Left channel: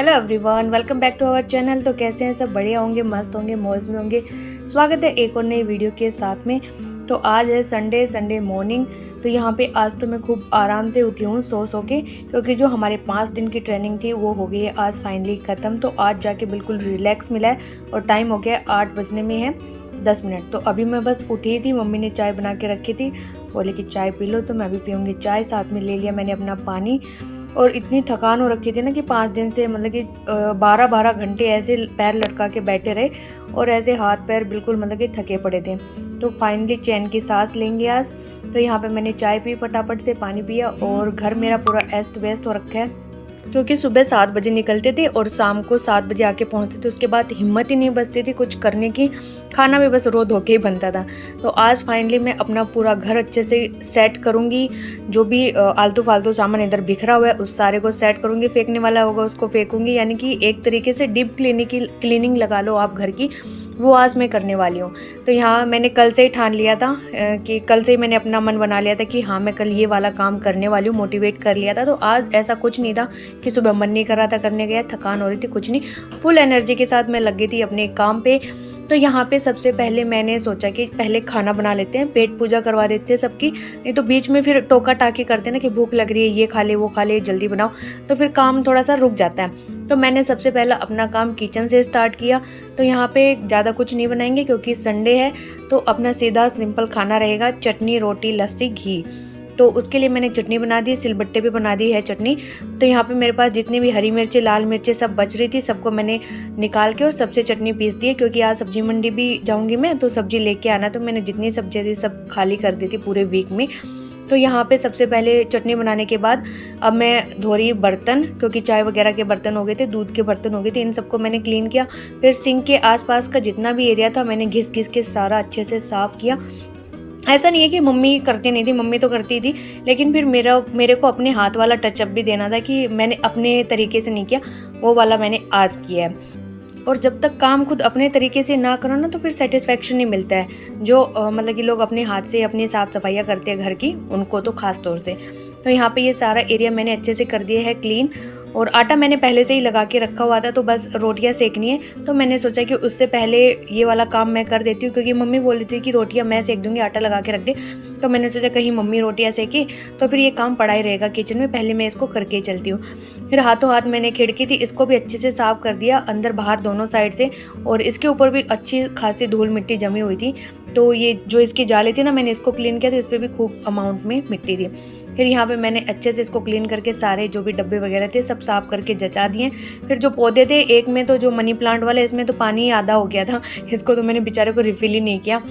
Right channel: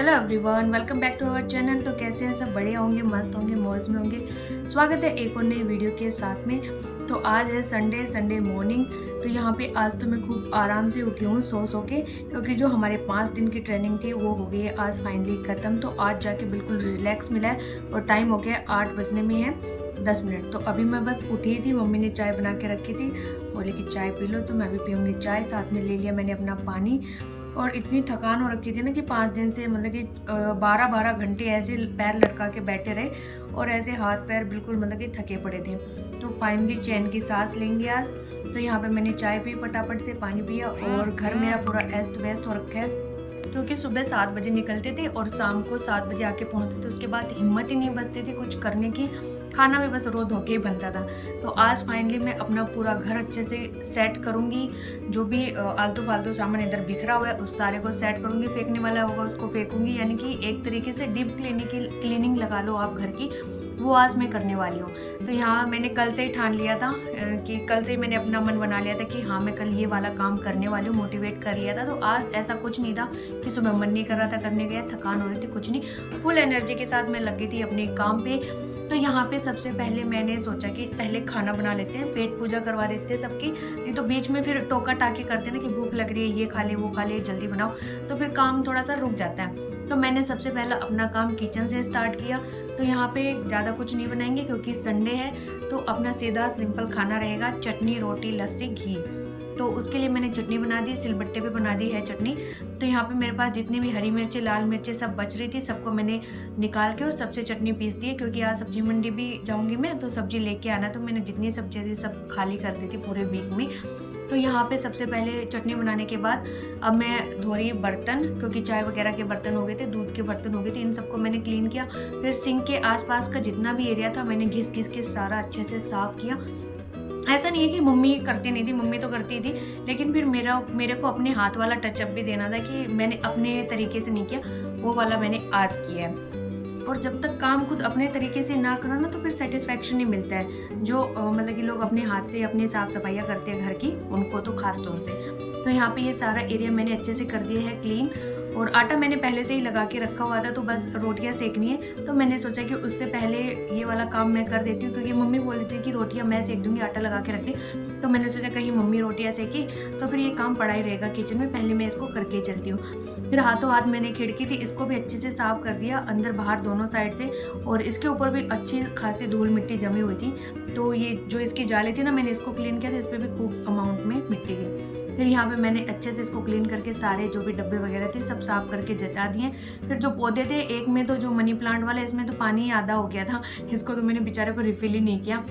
Hello everyone, welcome back to our channel. तो कैसे हैं सब? बढ़िया होंगे, मस्त होंगे, मौज में होंगे। स्वागत है एक और नई वीडियो के साथ में। तो आज है संडे मॉर्निंग। तो यहाँ पे आज तो मैं खूब आराम से उठी हूँ सो के, क्योंकि जो हमारे 5 दिन की ट्रेनिंग थी वो हो गई है आज फाइनली ख़त्म। तो आज जाके बिल्कुल रिलैक्स मिला है और टाइम हो गया 8 बजने में है 10 मिनट। तो अभी मैं बस उठी थी, मम्मी ने चाय बना के रखी थी, बोले कि चाय पी लो, तो मैं भी पीऊँगी चाय। साथ में ले लिया मैंने अपना पानी। और इतनी थकान हो रखी थी ना कि 5 दिन से मतलब कि 12-12 घंटे ऐसे पैर लटका के बैठे रहे और ऐसे हाथ पैर बिल्कुल मतलब कि थके पड़े थे। तो फाइनली चैन की सांस लेंगे आज। तो यहाँ पे मैंने चाय पी, फटाफट से पानी पिया और घर मेरा पूरा अस्त व्यस्त हो रखा है, क्योंकि सुबह 7 बजे निकलते थे और शाम को 7 बजे आके पहुँचते थे। उसके बाद हिम्मत ही नहीं बचती थी कुछ करने की, खाना भी बस रो धो के ही बनता था। तो आज फाइनली मैं अपना पूरा घर अच्छे से सेट करूँगी। जो भी आलतू फालतू सामान इधर बिखरा हुआ है उस सारे को सेट करूँगी, फेंकने वाला होगा उसको फेंकूँगी। यानी कि एक तरीके से डीप क्लीनिंग लगा लो आप घर की, वो आज मैं करने वाली हूँ। तो यहाँ मैंने कल से ही ठान लिया था कि कल से ही मैंने अपना मन बना लिया था कि हाँ मैं कल ये वाला काम करने वाली हूँ, मोटिवेट कर लिया था। तो आज ऐसा कुछ नहीं था कि सुबह मन नहीं कर रहा था करने गया, थकान हो रही थी, कुछ नहीं, फुल एनर्जी के साथ मैं लगी थी अपने काम पे। तो यहाँ पे सबसे पहले मैंने सोचा कि पहले खाना बना लेते हैं, पेट पूजा करवा देते हैं सबकी, नहीं तो बीच में फिर टोका टाकी करते हैं ना कि भूख लग रही है, ये खा ले वो खा ले, जल्दी बनाओ, तो फिर काम थोड़ा सा रुक जाता है। तो मैंने सबसे पहला अपना काम किचन से स्टार्ट किया। तो यहाँ पे ज़्यादा कुछ नहीं बनाएंगे क्योंकि संडे है, तो अपना सीधा सिंपल खाना रहेगा, चटनी रोटी लस्सी घी। तो उसके लिए मैंने चटनी बना दी, सिलबट्टे पे बना दी है चटनी। तो यहाँ पे मेरे पास जितनी भी हरी मिर्ची लाल मिर्ची सब बच रही थी, सबको मैंने निकाल के और सबसे चटनी पीस दी है, क्योंकि आज सब्जी मंडी भी जाऊँगी मैं, तो सब्जी लेके आना। तो मैंने जितनी सब्जी थी सब खाली कर दी थी पूरे वीक में। तो यहाँ पे सबसे पहले चटनी बनाने के बाद अब मैं धो रही बर्तन, क्योंकि चाय वगैरह के बर्तन हो गए थे, दूध के बर्तन हो गए थे, इन सबको मैंने क्लीन किया। फिर सिंक के आसपास का जितना भी एरिया था मैंने घिस घिस के सारा अच्छे से साफ़ किया। ऐसा नहीं है कि मम्मी करती नहीं थी, मम्मी तो करती थी, लेकिन फिर मेरे को अपने हाथ वाला टचअप भी देना था कि मैंने अपने तरीके से नहीं किया, वो वाला मैंने आज किया है। और जब तक काम खुद अपने तरीके से ना करो ना, तो फिर सेटिस्फेक्शन नहीं मिलता है। जो मतलब कि लोग अपने हाथ से अपनी साफ़ सफाइयाँ करते हैं घर की, उनको तो ख़ास तौर से। तो यहाँ पे ये सारा एरिया मैंने अच्छे से कर दिया है क्लीन। और आटा मैंने पहले से ही लगा के रखा हुआ था, तो बस रोटियां सेकनी है। तो मैंने सोचा कि उससे पहले ये वाला काम मैं कर देती हूँ, क्योंकि मम्मी बोल रही थी कि रोटियां मैं सेक दूँगी, आटा लगा के रख दे। तो मैंने सोचा कहीं मम्मी रोटियां सेकी तो फिर ये काम पड़ा ही रहेगा किचन में, पहले मैं इसको करके ही चलती हूँ। फिर हाथों हाथ मैंने खिड़की थी, इसको भी अच्छे से साफ़ कर दिया, अंदर बाहर दोनों साइड से। और इसके ऊपर भी अच्छी खासी धूल मिट्टी जमी हुई थी, तो ये जो इसकी जाली थी ना, मैंने इसको क्लीन किया, तो इस पर भी खूब अमाउंट में मिट्टी थी। फिर यहाँ पे मैंने अच्छे से इसको क्लीन करके सारे जो भी डब्बे वगैरह थे सब साफ़ करके जचा दिए। फिर जो पौधे थे, एक में तो जो मनी प्लांट वाला, इसमें तो पानी ही आधा हो गया था, इसको तो मैंने बेचारे को रिफ़िल ही नहीं किया,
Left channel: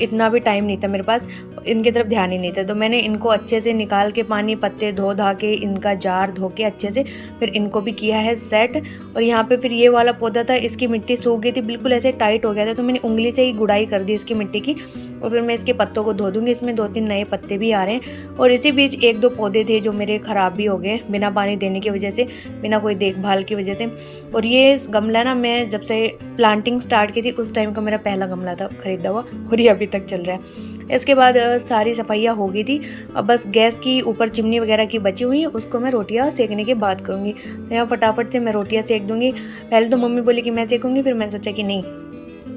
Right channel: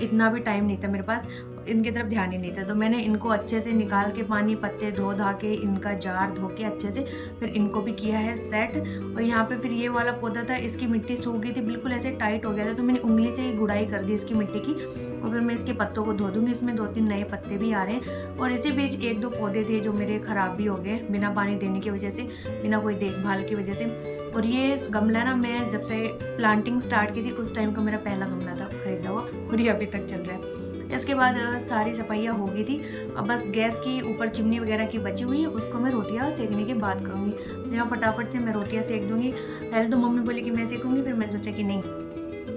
इतना भी टाइम नहीं था मेरे पास, इनकी तरफ ध्यान ही नहीं था। तो मैंने इनको अच्छे से निकाल के पानी पत्ते धो धा के, इनका जार धो के अच्छे से फिर इनको भी किया है सेट। और यहाँ पे फिर ये वाला पौधा था, इसकी मिट्टी सूख गई थी, बिल्कुल ऐसे टाइट हो गया था, तो मैंने उंगली से ही गुड़ाई कर दी इसकी मिट्टी की। और फिर मैं इसके पत्तों को धो दूँगी, इसमें 2-3 नए पत्ते भी आ रहे हैं। और इसी बीच 1-2 पौधे थे जो मेरे ख़राब भी हो गए बिना पानी देने की वजह से, बिना कोई देखभाल की वजह से। और ये गमला ना, मैं जब से प्लांटिंग स्टार्ट की थी उस टाइम का मेरा पहला गमला था खरीदा हुआ, और ये अभी तक चल रहा है। इसके बाद सारी सफाइयाँ हो गई थी, अब बस गैस की ऊपर चिमनी वगैरह की बची हुई है, उसको मैं रोटियाँ सेकने के बाद करूँगी। तो यहाँ फटाफट से मैं रोटियाँ सेक दूँगी। पहले तो मम्मी बोली कि मैं सेकूँगी, फिर मैं सोचा कि नहीं,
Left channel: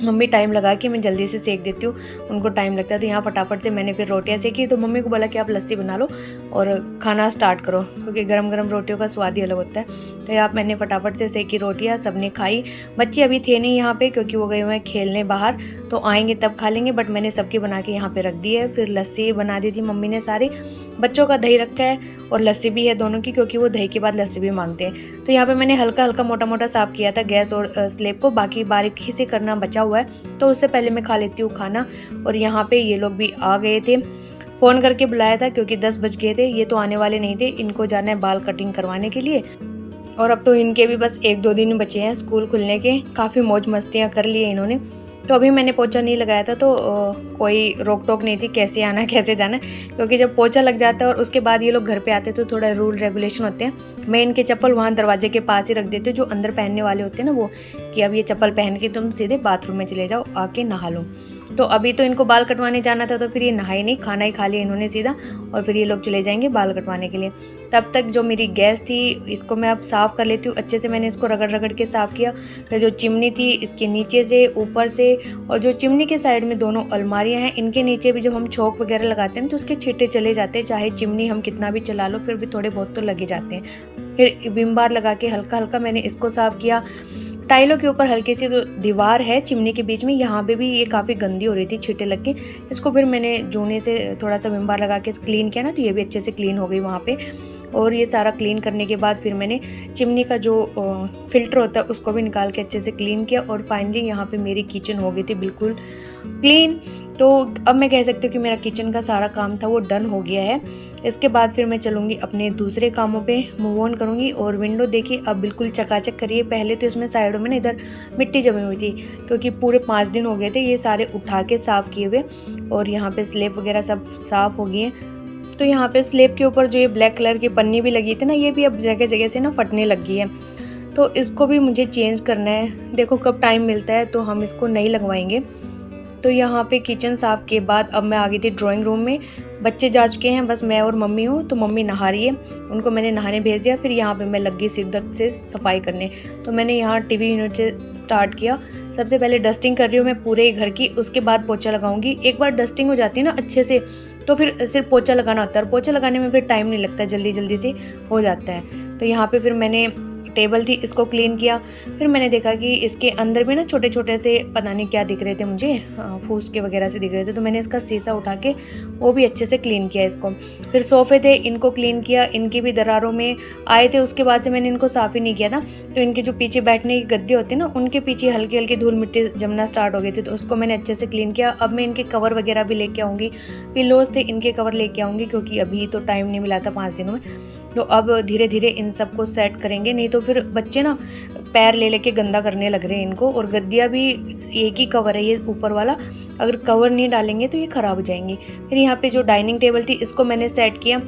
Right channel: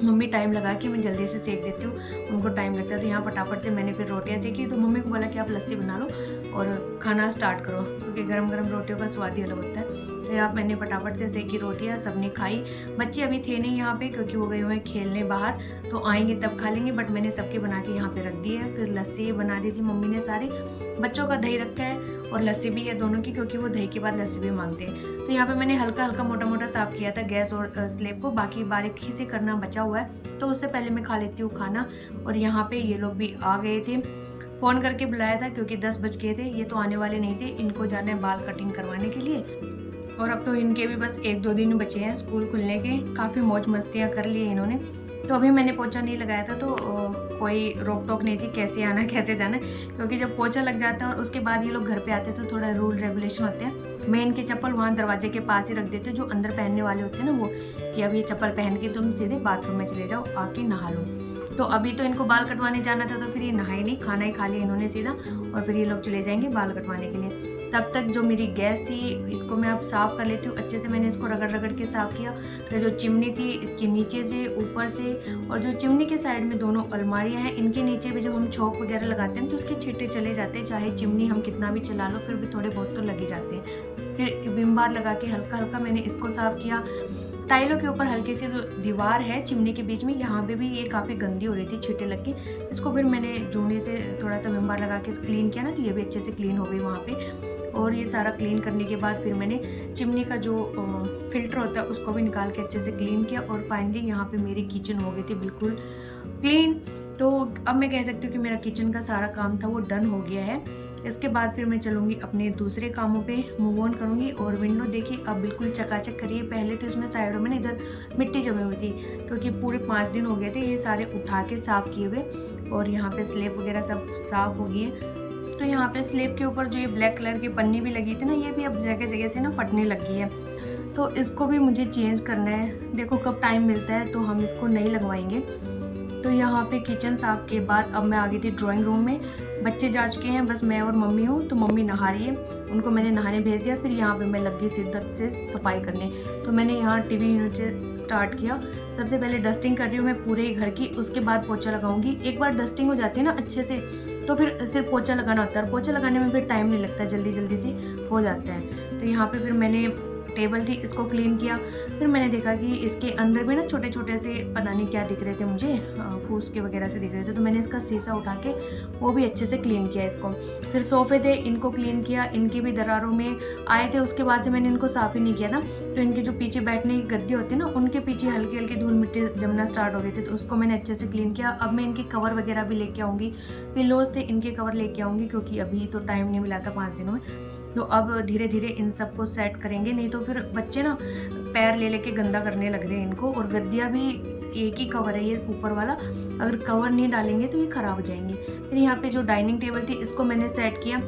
मम्मी टाइम लगा के मैं जल्दी से सेक देती हूँ, उनको टाइम लगता है। तो यहाँ फटाफट से मैंने फिर रोटियाँ सेकी। तो मम्मी को बोला कि आप लस्सी बना लो और खाना स्टार्ट करो, क्योंकि गरम गरम रोटियों का स्वाद ही अलग होता है। तो यहाँ मैंने फटाफट से सेकी रोटियाँ, सबने खाई। बच्चे अभी थे नहीं यहाँ पे, क्योंकि वो गए हुए हैं खेलने बाहर, तो आएंगे तब खा लेंगे, बट मैंने सबके बना के यहाँ पे रख दी है। फिर लस्सी बना दी थी मम्मी ने सारी, बच्चों का दही रखा है और लस्सी भी है दोनों की, क्योंकि वो दही के बाद लस्सी भी मांगते हैं। तो यहाँ पे मैंने हल्का हल्का मोटा मोटा साफ़ किया था गैस और स्लेब को, बाकी बारीकी से करना बचा हुआ है। तो उससे पहले मैं खा लेती हूँ खाना। और यहाँ पे ये लोग भी आ गए थे, फ़ोन करके बुलाया था क्योंकि 10 बज गए थे, ये तो आने वाले नहीं थे, इनको जाना है बाल कटिंग करवाने के लिए। और अब तो इनके भी बस 1-2 दिन बचे हैं स्कूल खुलने के, काफ़ी मौज मस्तियाँ कर ली हैं इन्होंने। तो अभी मैंने पोछा नहीं लगाया था, तो कोई रोक टोक नहीं थी कैसे आना कैसे जाना, क्योंकि जब पोछा लग जाता है और उसके बाद ये लोग घर पे आते तो थोड़ा रूल रेगुलेशन होते हैं। मैं इनके चप्पल वहाँ दरवाजे के पास ही रख देती हूँ, जो अंदर पहनने वाले होते हैं ना वो, कि अब ये चप्पल पहन के तुम सीधे बाथरूम में चले जाओ, आके नहा लो। तो अभी तो इनको बाल कटवाने जाना था, तो फिर ये नहाए नहीं, खाना ही खा लिया इन्होंने सीधा, और फिर ये लोग चले जाएंगे बाल कटवाने के लिए। तब तक जो मेरी गैस थी इसको मैं अब साफ़ कर लेती हूँ अच्छे से। मैंने इसको रगड़ रगड़ के साफ़ किया। फिर जो चिमनी थी इसके नीचे से, ऊपर से, और जो चिमनी के साइड में दोनों अलमारियाँ हैं इनके नीचे भी जब हम छोक वगैरह लगाते हैं तो उसके छींटे चले जाते हैं। चाहे चिमनी हम कितना भी चला लो फिर भी थोड़े बहुत तो लगे जाते हैं। फिर विम बार लगा के हल्का हल्का मैंने इसको साफ़ किया। टाइलों के ऊपर हल्की सी जो दीवार है चिमनी के बीच में, यहाँ पे भी ये काफ़ी गंदी हो रही थी छींटे लग के। इसको फिर मैंने जूने से थोड़ा सा विम बार लगा के क्लीन किया ना, तो ये भी अच्छे से क्लीन हो गई वहाँ पे। और ये सारा क्लीन करने के बाद फिर मैंने चिमनी का जो फिल्टर होता है उसको भी निकाल के अच्छे से क्लीन किया। और फाइनली यहाँ पे मेरी किचन हो गई थी बिल्कुल क्लीन। तो अब मैं कह सकती हूँ कि मेरा किचन का सारा काम था वो डन हो गया है। इसके बाद फिर मैं चलूँगी अपने दूसरे कामों पे मूव ऑन करूँगी। और विंडो देखिए अब बिल्कुल चकाचक करिए। पहले तो इसमें साइडों में ना इधर मिट्टी जमी हुई थी, क्योंकि पूरे 5 दिन हो गए थे ये सारे उठा के साफ़ किए हुए। और यहाँ पे स्लेब वगैरह सब साफ़ हो गई है। तो यहाँ पे स्लेब के ऊपर जो ये ब्लैक कलर की पन्नी भी लगी थी ना, ये भी अब जगह जगह से ना फटने लग गई है। तो इसको भी मुझे चेंज करना है। देखो कब टाइम मिलता है तो हम इसको नहीं लगवाएंगे। तो यहाँ पे किचन साफ़ के बाद अब मैं आ गई थी ड्राइंग रूम में। बच्चे जा चुके हैं, बस मैं और मम्मी हूँ। तो मम्मी नहा रही है, उनको मैंने नहाने भेज दिया। फिर यहाँ पे मैं लग गई शिद्दत से सफाई करने। तो मैंने यहाँ टीवी यूनिट से स्टार्ट किया। सबसे पहले डस्टिंग कर रही हूँ मैं पूरे घर की, उसके बाद पोछा लगाऊंगी। एक बार डस्टिंग हो जाती है ना अच्छे से तो फिर सिर्फ पोछा लगाना होता है, और पोछा लगाने में फिर टाइम नहीं लगता, जल्दी जल्दी से हो जाता है। तो यहाँ पे फिर मैंने टेबल थी इसको क्लीन किया। फिर मैंने देखा कि इसके अंदर में ना छोटे छोटे से पता नहीं क्या दिख रहे थे मुझे, फूस के वगैरह से दिख रहे थे। तो मैंने इसका शीशा उठा के वो भी अच्छे से क्लीन किया इसको। फिर सोफ़े थे इनको क्लीन किया, इनकी भी दरारों में आए थे। उसके बाद से मैंने इनको साफ़ ही नहीं किया था। तो इनके जो पीछे बैठने की गद्दे होते हैं ना, उनके पीछे हल्की हल्की धूल मिट्टी जमना स्टार्ट हो गई थी, तो उसको मैंने अच्छे से क्लीन किया। अब मैं इनके कवर वगैरह भी लेके आऊँगी, पिलोज थे इनके कवर लेके आऊँगी, क्योंकि अभी तो टाइम नहीं मिला था 5 दिनों में। तो अब धीरे धीरे इन सबको सेट करेंगे, नहीं तो फिर बच्चे ना पैर ले लेके गंदा करने लग रहे हैं इनको। और गद्दियाँ भी एक ही कवर है ये ऊपर वाला, अगर कवर नहीं डालेंगे तो ये ख़राब हो जाएंगी। फिर यहाँ पे जो डाइनिंग टेबल थी इसको मैंने सेट किया।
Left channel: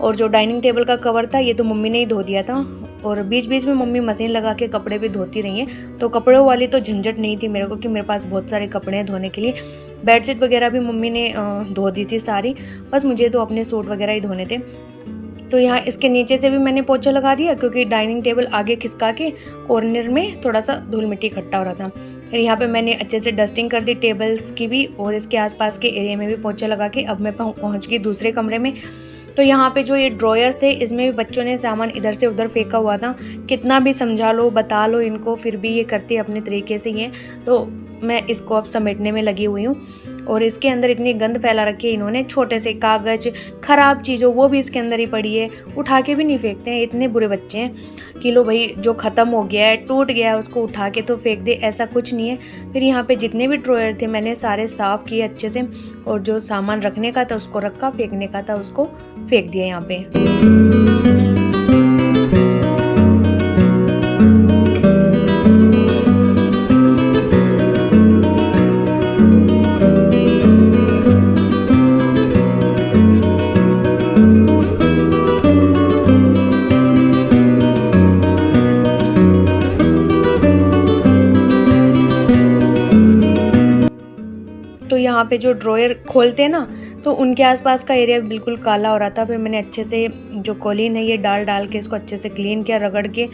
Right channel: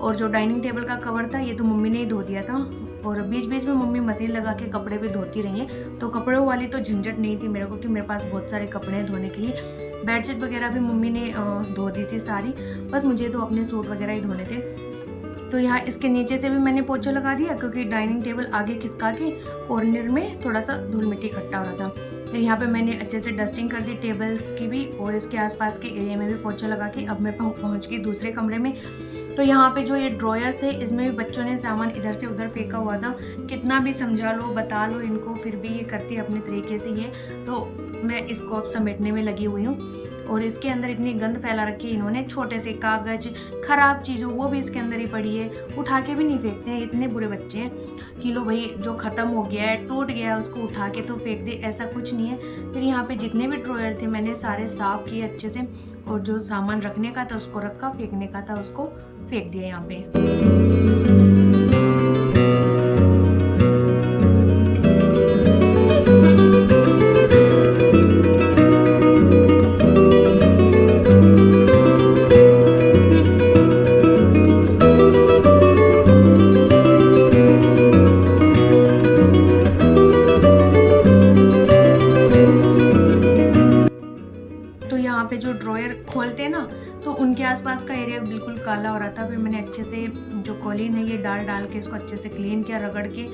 और जो डाइनिंग टेबल का कवर था ये तो मम्मी ने ही धो दिया था। और बीच बीच में मम्मी मशीन लगा के कपड़े भी धोती रही हैं, तो कपड़ों वाली तो झंझट नहीं थी मेरे को, कि मेरे पास बहुत सारे कपड़े हैं धोने के लिए। बेडशीट वगैरह भी मम्मी ने धो दी थी सारी, बस मुझे तो अपने सूट वगैरह ही धोने थे। तो यहाँ इसके नीचे से भी मैंने पोछा लगा दिया, क्योंकि डाइनिंग टेबल आगे खिसका के कॉर्नर में थोड़ा सा धूल मिट्टी इकट्ठा हो रहा था। फिर यहाँ पे मैंने अच्छे से डस्टिंग कर दी टेबल्स की भी, और इसके आसपास के एरिया में भी पोछा लगा के अब मैं पहुँच गई दूसरे कमरे में। तो यहाँ पे जो ये ड्रॉयर्स थे इसमें भी बच्चों ने सामान इधर से उधर फेंका हुआ था। कितना भी समझा लो बता लो इनको, फिर भी ये करते अपने तरीके से ही हैं। तो मैं इसको अब समेटने में लगी हुई हूँ। और इसके अंदर इतनी गंद फैला रखी है इन्होंने, छोटे से कागज़, ख़राब चीज़ों वो भी इसके अंदर ही पड़ी है, उठा के भी नहीं फेंकते हैं। इतने बुरे बच्चे हैं कि लो भाई जो ख़त्म हो गया है, टूट गया है, उसको उठा के तो फेंक दे, ऐसा कुछ नहीं है। फिर यहाँ पे जितने भी ड्रॉयर थे मैंने सारे साफ़ किए अच्छे से, और जो सामान रखने का था उसको रखा, फेंकने का था उसको फेंक दिया यहाँ पे। तो यहाँ पे जो ड्रॉयर खोलते हैं ना, तो उनके आसपास का एरिया बिल्कुल काला हो रहा था। फिर मैंने अच्छे से जो कॉलीन है ये डाल के इसको अच्छे से क्लीन किया, रगड़ के।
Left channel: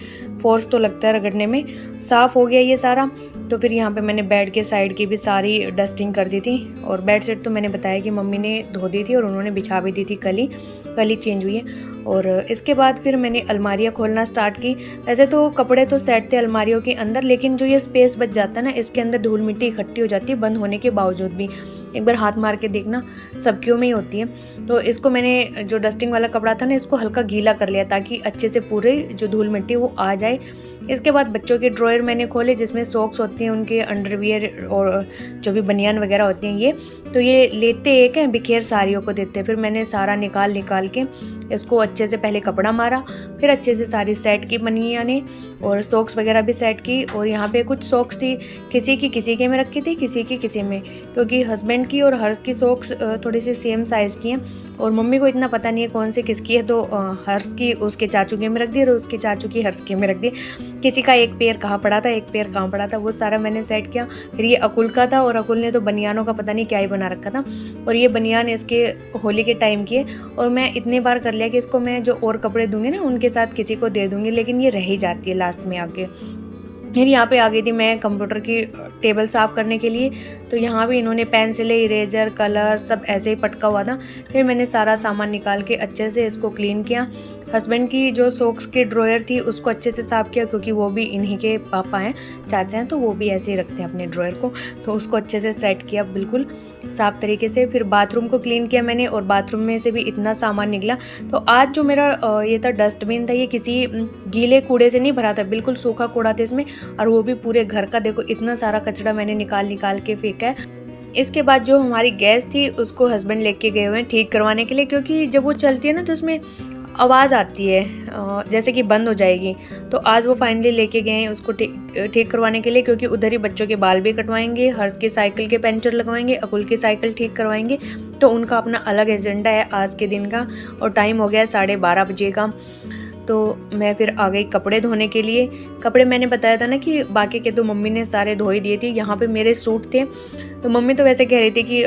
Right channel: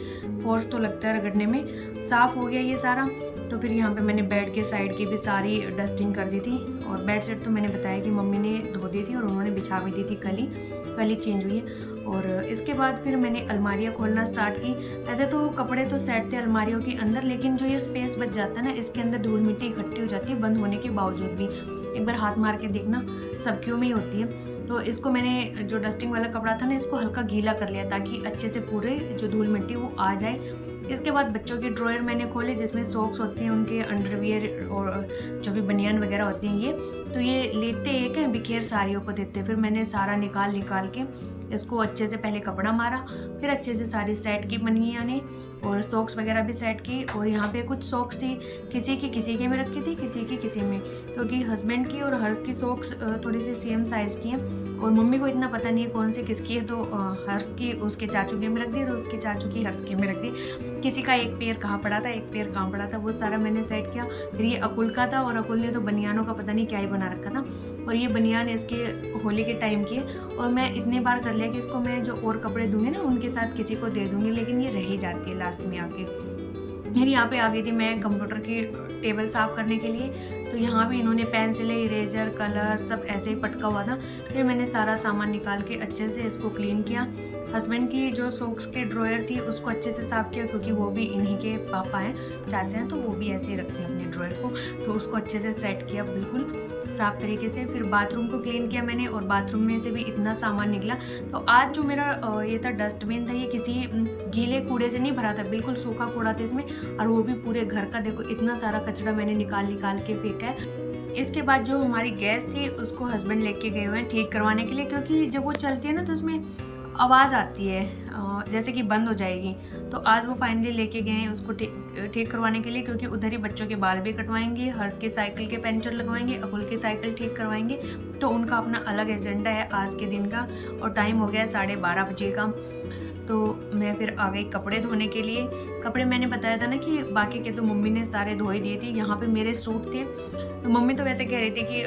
फोर्स तो लगता है रगड़ने में, साफ़ हो गया ये सारा। तो फिर यहाँ पे मैंने बेड के साइड की भी सारी डस्टिंग कर दी थी। और बेड शीट तो मैंने बताया कि मम्मी ने धो दी थी और उन्होंने बिछा भी दी थी, कल ही चेंज हुई है। और इसके बाद फिर मैंने अलमारियाँ खोलना स्टार्ट की। वैसे तो कपड़े तो सेट थे अलमारियों के अंदर, लेकिन जो ये स्पेस बच जाता है ना, इसके अंदर धूल मिट्टी इकट्ठी हो जाती है बंद होने के बावजूद भी। एक बार हाथ मार के देखना, सबकियों में ही होती है। तो इसको मैंने जो डस्टिंग वाला कपड़ा था ना, इसको हल्का गीला कर लिया ताकि अच्छे से पूरे जो धूल मिट्टी वो आ जाए। इसके बाद बच्चों के ड्रॉयर मैंने खोले, जिसमें सॉक्स होती हैं, उनके अंडरवियर और जो भी बनियान वगैरह होती हैं ये। तो ये लेते एक हैं, बिखेर सारियों को देते हैं। फिर मैंने सारा निकाल के इसको अच्छे से पहले कपड़ा मारा, फिर अच्छे से सारी सेट की बनियान ने, और सॉक्स वगैरह भी सेट की। और यहाँ पे कुछ सॉक्स थी, किसी के में रखी थी, किसी की किसी में, क्योंकि हस्बैंड की और हर्ष की सॉक्स थोड़ी सी सेम साइज़ की हैं। और मम्मी को इतना पता नहीं है कौन सी किसकी है, तो हर्ष की उसके चाचू के में रख दी और उसके चाचू की हर्ष के में रख दी। किसी का एक पैर कहाँ पड़ा था, एक पैर कहाँ पड़ा था, वो सारा मैंने सेट किया। फिर ये अकुल का था और अकुल ने तो बनियानों का पता नहीं क्या ही बना रखा था, और ये बनियान इसके होली के टाइम की है। और मैं इतनी बार कर लिया कि इसको मैं जो और कपड़े दूंगी ना उनके साथ किसी को दे दूंगी, लेकिन ये रह ही जाती है लास्ट में आके। फिर यहाँ पे आ गई थी मैं कंप्यूटर की टेबल साफ़ करने के लिए, तो यहाँ भी इन्होंने पेंसिलें, इरेजर, कलर सब ऐसे ही पटका हुआ था। फिर मैंने सारा सामान निकाल के अच्छे से इसको क्लीन किया। हस्बैंड की जो सॉक्स की ड्रॉयर थी उसको अच्छे से साफ़ किया, क्योंकि वो भी इन्हीं के पापा हैं, चाचा हैं, तो वो भी ऐसे ही रखते हैं अपने ड्रॉयर को। तो उसको अच्छे से सेट किया बिल्कुल साफ़ तरीके से। फिर बाथरूम को क्लीन किया मैंने, और बाथरूम में से भी इतना सामान निकला। तो आज जो मेरा ये था डस्टबिन था, ये किसी गीले कूड़े से नहीं भरा था, बिल्कुल सूखा कूड़ा था इसमें, और वो भी पूरे घर का। देखो इतना सारा कचरा मैंने निकाल के फेंका है। इसके बाद जो हमारी गैस थी उसको हस्बैंड लेके गए हुए हैं ठीक करवाने के लिए, क्योंकि जब वो चलती है ना तो उसमें आवाज़ आती है जैसे कि बंद हो जाएगी। तो आज वो फाइनली लेके गए हैं उसको ठीक करवाने के लिए, क्योंकि उधर ही बच्चों के बाल भी कटवाएंगे, हर्ष की साइकिल के पंचर लगवाएंगे, अकुल की साइकिल ठीक करवाएंगे। तो उनका अपना अलग एजेंडा है आज के दिन का, और टाइम हो गया 12:30 बजे का। तो मैं फिर आ गई कपड़े धोने के लिए। कपड़े मैंने बताया था ना कि बाकी के तो मम्मी ने सारे धो ही दिए थे। यहाँ पे मेरे सूट थे, तो मम्मी तो वैसे कह रही थी कि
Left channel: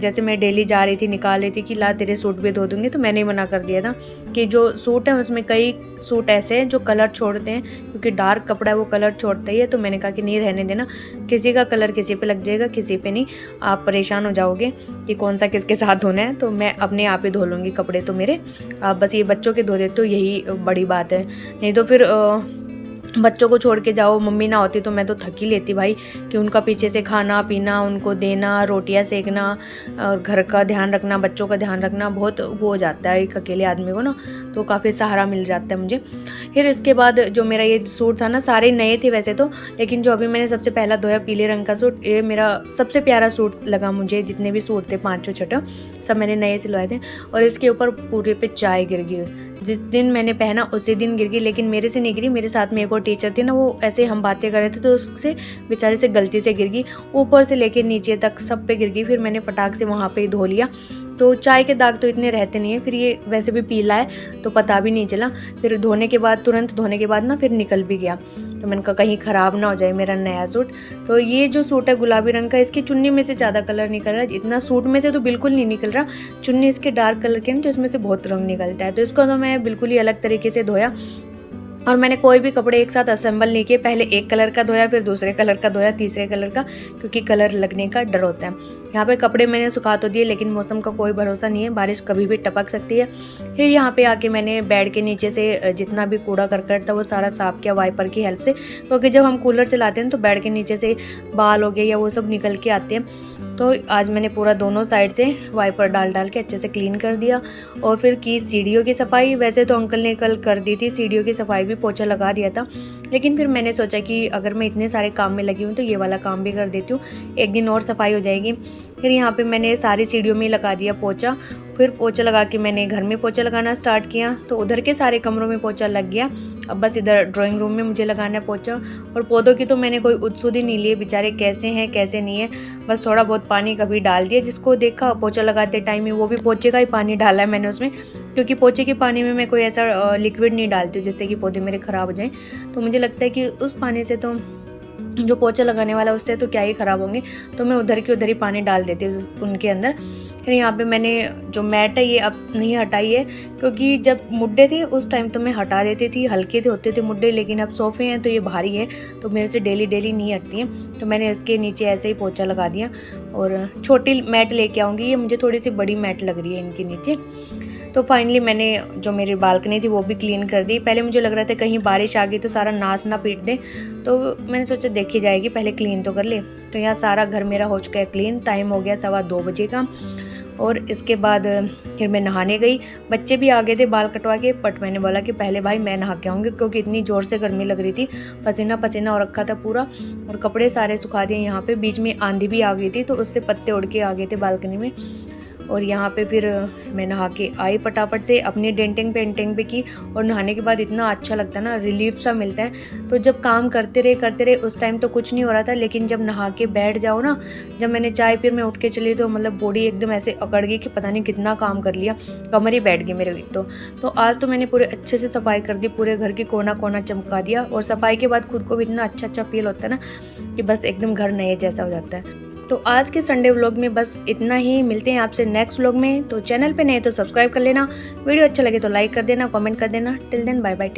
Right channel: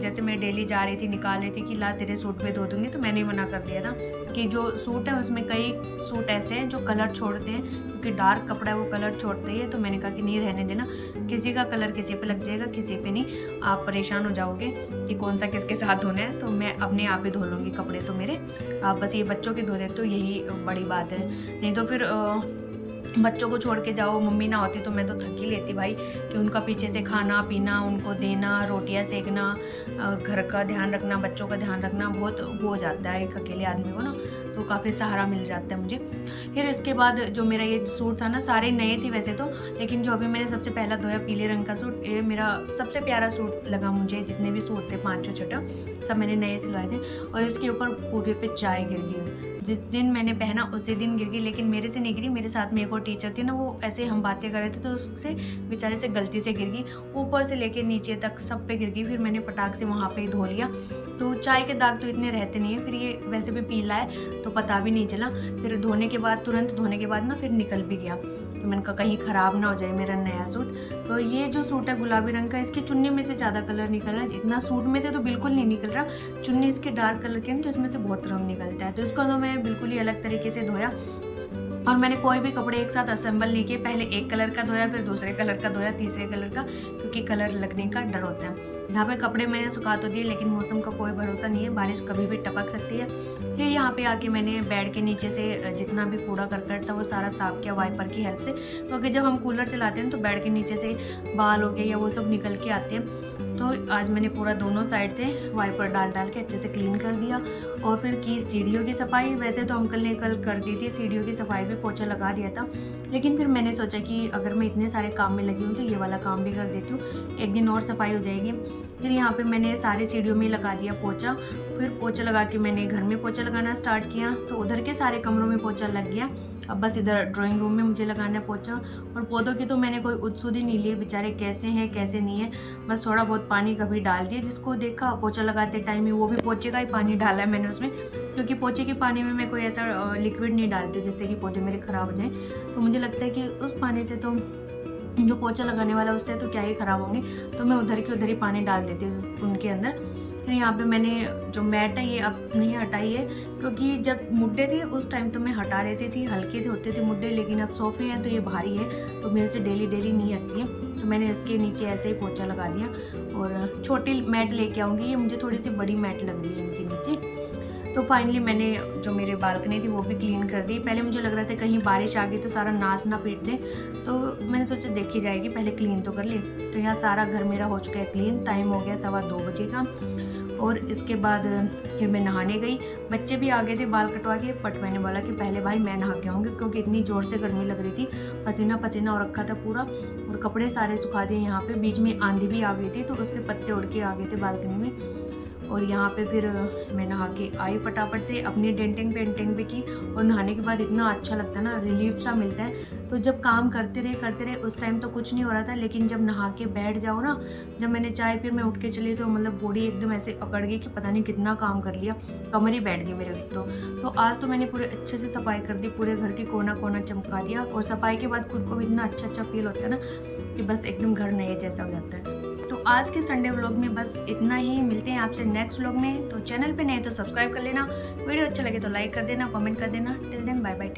जैसे मैं डेली जा रही थी निकाल रही थी कि ला तेरे सूट भी धो दूँगी, तो मैंने ही मना कर दिया था कि जो सूट है उसमें कई सूट ऐसे हैं जो कलर छोड़ते हैं, क्योंकि डार्क कपड़ा है वो कलर छोड़ता ही है। तो मैंने कहा कि नहीं रहने देना, किसी का कलर किसी पे लग जाएगा, किसी पे नहीं, आप परेशान हो जाओगे कि कौन सा किसके साथ धोना है। तो मैं अपने आप ही धो लूँगी कपड़े तो मेरे, आप बस ये बच्चों के धो देते हो, यही बड़ी बात है। नहीं तो फिर बच्चों को छोड़ के जाओ, मम्मी ना होती तो मैं तो थक ही लेती भाई, कि उनका पीछे से खाना पीना, उनको देना, रोटियां सेकना, और घर का ध्यान रखना, बच्चों का ध्यान रखना, बहुत वो हो जाता है एक अकेले आदमी को ना, तो काफ़ी सहारा मिल जाता है मुझे। फिर इसके बाद जो मेरा ये सूट था ना, सारे नए थे वैसे तो, लेकिन जो अभी मैंने सबसे पहला धोया पीले रंग का सूट, ये मेरा सबसे प्यारा सूट लगा मुझे। जितने भी सूट थे 5-6 सब मैंने नए सिलवाए थे, और इसके ऊपर पूरे पे चाय गिर गई। जिस दिन मैंने पहना उसी दिन गिर गई, लेकिन मेरे से नहीं गिरी, मेरे साथ में एक और टीचर थी ना, वो ऐसे हम बातें कर रहे थे तो उससे बेचारे से गलती से गिर गई, ऊपर से लेके नीचे तक सब पे गिर गई। फिर मैंने फटाक से वहाँ पे ही धो लिया। तो चाय के दाग तो इतने रहते नहीं है, फिर ये वैसे भी पीला है तो पता भी नहीं चला। फिर धोने के बाद, तुरंत धोने के बाद ना फिर निकल भी गया। तो मैंने कहा कहीं ख़राब ना हो जाए मेरा नया सूट। तो ये जो सूट है गुलाबी रंग का, इसकी चुन्नी में से ज़्यादा कलर निकल रहा है, इतना सूट में से तो बिल्कुल नहीं निकल रहा। चुन्नी इसके डार्क कलर की है ना, तो इसमें से बहुत रंग निकलता है। तो इसको तो मैं बिल्कुल ही अलग तरीके से धोया, और मैंने कोई भी कपड़े एक साथ असेंबल नहीं किए। पहले एक कलर का धोया, फिर दूसरे कलर का धोया, तीसरे कलर का, क्योंकि कलर लगने का डर होता है। यहाँ पे कपड़े मैंने सुखा तो दिए, लेकिन मौसम का कोई भरोसा नहीं है, बारिश कभी भी टपक सकती है। फिर यहाँ पे आके मैंने बेड के नीचे से जितना भी कूड़ा करकट था वो सारा साफ़ किया वाइपर की हेल्प से, क्योंकि जब हम कूलर चलाते हैं तो बेड के नीचे से बाल हो गए या वो सब निकल के आते हैं। तो आज मैंने पूरा दोनों साइड से वाइपर डाल के अच्छे से क्लीन कर दिया। और फिर की सीढ़ियों की सफाई, वैसे तो अंकल ने कल कर दी थी सीढ़ियों की सफाई भी, पोछा लगा दिया था, लेकिन फिर मैंने सोचा कि अगर मैं इतने सारे काम में लगी हूँ तो ये वाला काम भी कर देती हूँ, एक दिन और सफाई हो जाएगी। फिर यहाँ पे मैंने सारी सीढ़ियों में लगा दिया पोछा। फिर पोछा लगा के मैंने घर में पोछा लगाना स्टार्ट किया, तो उधर के सारे कमरों में पोछा लग गया। अब बस इधर ड्राइंग रूम में मुझे लगाना है पोछा। और पौधों की तो मैंने कोई उत्सुद ही नहीं लिए, बेचारे कैसे हैं कैसे नहीं है, बस थोड़ा बहुत पानी कभी डाल दिया, जिसको देखा पोछा लगाते टाइम ही वो भी पोछे का ही पानी डाला है मैंने उसमें, क्योंकि पोछे के पानी में मैं कोई ऐसा लिक्विड नहीं डालती हूँ जिससे कि पौधे मेरे ख़राब हो जाएँ। तो मुझे लगता है कि उस पानी से तो जो पोछा लगाने वाला उससे तो क्या ही ख़राब होंगे, तो मैं उधर की उधर ही पानी डाल देती हूँ उनके अंदर। फिर यहाँ पे मैंने जो मैट है ये अब नहीं हटाई है, क्योंकि जब मुड्डे थे उस टाइम तो मैं हटा देती थी, हल्के होते थे मुड्डे, लेकिन अब सोफ़े हैं तो ये भारी है, तो मेरे से डेली नहीं हटती हैं। तो मैंने इसके नीचे ऐसे ही पोछा लगा दिया, और छोटी मैट लेके आऊँगी, ये मुझे थोड़ी सी बड़ी मैट लग रही है इनके नीचे। तो फाइनली मैंने जो मेरी बालकनी थी वो भी क्लीन कर दी। पहले मुझे लग रहा था कहीं बारिश आ गई तो सारा नाश ना पीट दे, तो मैंने सोचा देखी जाएगी, पहले क्लीन तो कर ले। तो यहाँ सारा घर मेरा हो चुका है क्लीन। टाइम हो गया 2:15 बजे का, और इसके बाद फिर मैं नहाने गई। बच्चे भी आ गए थे बाल कटवा के, बट मैंने बोला कि पहले भाई मैं नहा के आऊँगी, क्योंकि इतनी ज़ोर से गर्मी लग रही थी, पसीना पसीना हो रखा था पूरा, और कपड़े सारे सुखा दिए। यहाँ पे बीच में आंधी भी आ गई थी, तो उससे पत्ते उड़ के आ गए थे बालकनी में। और यहाँ पे फिर मैं नहा के आई फटाफट से, अपनी डेंटिंग पेंटिंग भी की। और नहाने के बाद इतना अच्छा लगता है ना, रिलीफ सा मिलता है। तो जब काम करते रहे उस टाइम तो कुछ नहीं हो रहा था, लेकिन जब नहा के बैठ जाओ ना, जब मैंने चाय फिर मैं उठ के चली तो मतलब बॉडी एकदम ऐसे अकड़ गई कि पता नहीं कितना काम कर लिया, कमर ही बैठ गई मेरे तो आज तो मैंने पूरे अच्छे से सफाई कर दी, पूरे घर की कोना कोना चमका दिया। और सफाई के बाद खुद को भी इतना अच्छा फील होता है ना कि बस एकदम घर नए जैसा हो जाता है। तो आज के संडे व्लॉग में बस इतना ही। मिलते हैं आपसे नेक्स्ट व्लॉग में। तो चैनल पे नए तो सब्सक्राइब कर लेना, वीडियो अच्छा लगे तो लाइक कर देना, कमेंट कर देना। Till then bye bye.